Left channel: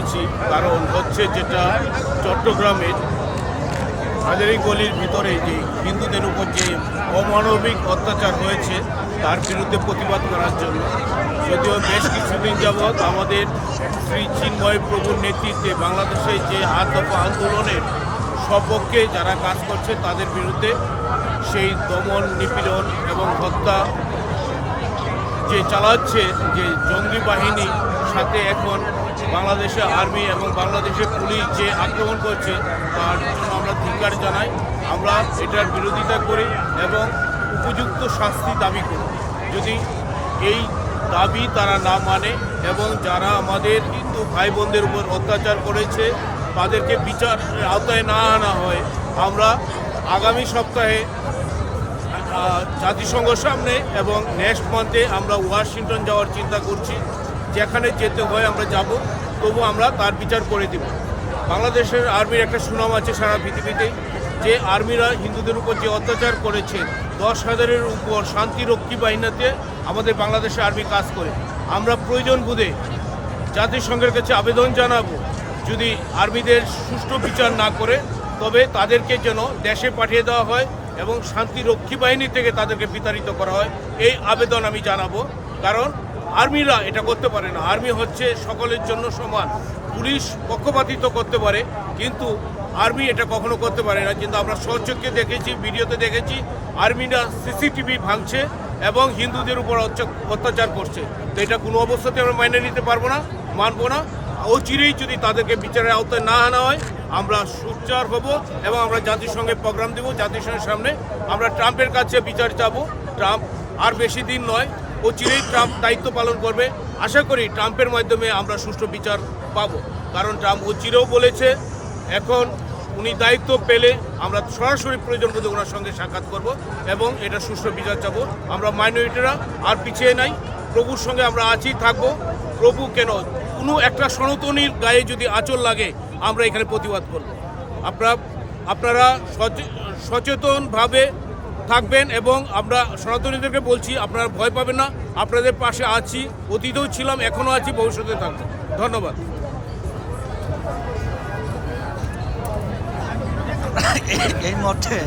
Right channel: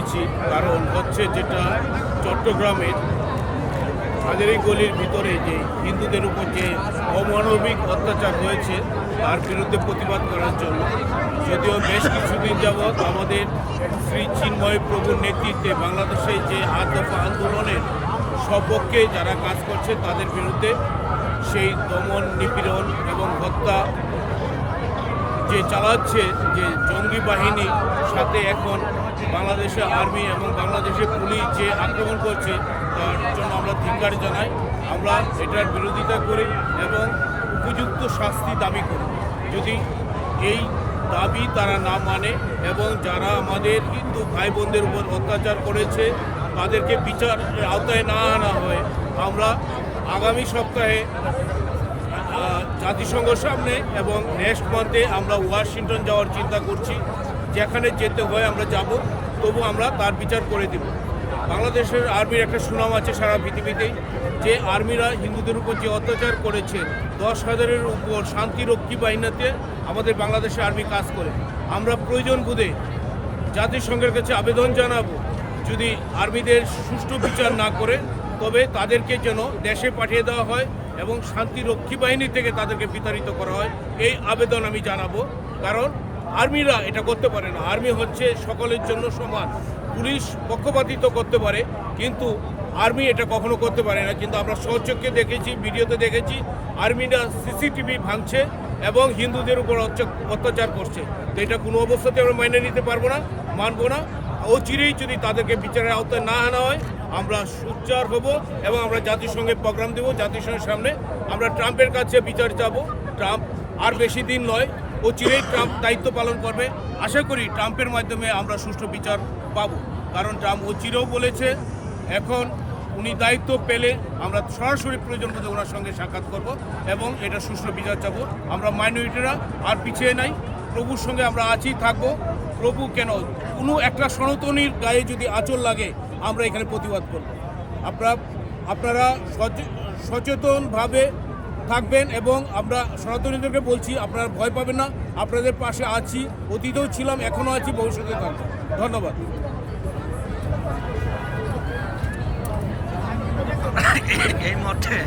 হয়েছি কারণ হচ্ছে যেটা চট্টগ্রামের হাজারি গলির ভিতরে যে হিন্দুদের উপর যে অমানবিক অত্যাচার হয়েছে, তার বিরুদ্ধে প্রতিবাদ করার জন্য। যদিও বেশ কিছুদিন যাবৎ আমাদের শ্রী চিন্ময় প্রভুর নেতৃত্বে বাংলাদেশে যে আট দফা আন্দোলনের সপক্ষে যারা কাজ করছে, তাদের বিরুদ্ধে সেই দমন নিপীড়ন এবং হত্যা যে চালাচ্ছে যে জঙ্গি বাহিনী সাথে এখন বাংলাদেশের আর্মি এবং বাংলাদেশের পুলিশ যে আক্রমণ করছে, তার জন্য আমরা ধিকার জানাই। আমরা এটার বিরোধিতা করি এবং উপযুক্ত শাস্তি দাবি করি। যদি এই দাবি তারা না মানে এবং যারা আমাদের হিন্দু ভাই বোনদের উপর অত্যাচার করেছে, তাদেরকে বিচার আওতায় না আনা হয়, আমরা আগামী সপ্তাহে জাতিসংঘ সামনে এবং নেক্সট মান্থে আমরা ওয়াশিংটন যাওয়ার চিন্তা করছি। যেখানে যেতে হয় আমরা যাব, তবু আমরা তার বিচার করে দিব। বাংলাদেশের আর্মির একটা সুনাম আছে সারা পৃথিবীতেই যে আর্মিরা হিন্দুদের উপর যে অত্যাচার করেছে, দশ হাজারের উপর শান্তিরক্ষী বাহিনীতে আমাদের বাংলাদেশের আর্মি কাজ করে। আমরা প্রয়োজন বোধে জাতিসংঘের কাছে আবেদন জানাব, যদি আর্মিদের সুষ্ঠু বিচার না করে, তবে তাদেরকে যেন দেশে পাঠিয়ে দেওয়া হয় এবং শান্তি রক্ষী বাহিনী থেকে তাদেরকে বিতাড়িত করা হয়। এই আবেদন আমি জানাব। কারণ আর্মিরা এটা করতে পারে না। আর্মি হচ্ছে সকলের জন্য সমান। পুলিশ পক্ষপাতিত্ব করতে পারে, কিন্তু আর্মি এটা কখনো করতে পারে না। কিন্তু আমরা সচক্ষে দেখেছি, ভিডিওতে দেখেছি, আর্মিরা সিসিটিভি ভাঙছে এবং হিন্দুদের উপর অত্যাচার করছে। তো এটা কোনো অবস্থাতে আমরা মাইনে নিতে পারব না, মানবো না। অচিরেই যদি তাদেরকে বিচারের আওতায় না আনা হয়, আমরা সুচার হব এবং আমরা জাতিসংঘে প্রোগ্রাম দেব জাতিসংঘের সামনে আমরা ট্রাম্পের কাছে বিচার চাবো। ট্রাম্প আর বেশি দিন নয় অচিরেই ট্রাম্প দায়িত্ব পালন করবে। আশা করি ট্রাম্পের মাধ্যমে আমরা সুষ্ঠু বিচার পাব। কারণ ট্রাম্প অচিরেও বলেছে, এখন উনি দায়িত্ব পেলে আমরা সরাসরি প্রয়োজন বোধে ওনার সঙ্গে সাক্ষাৎ করব এবং এটা সুষ্ঠু বিচার চাবো। আমরা মাইনরিটিরা আর পিছিয়ে নাই, প্রভুর সঙ্গে আমরা আছি, থাকব। প্রভু কেন কোনো একটা সনাতনীর গায়ে যদি আঁচল লাগে, আমরা এখানে প্রতিবাদ করব। আপনারা আপনারা সচে- সচেতনভাবে থাকবেন এবং আমরা সনাতনীদেরকে বলছি, আপনারা ভয় পাবেন না। আপনাদের পাশে আছি, অতীতেও ছিলাম, এখনও আছি, ভবিষ্যতে থাকব। ধন্যবাদ। এই মঠে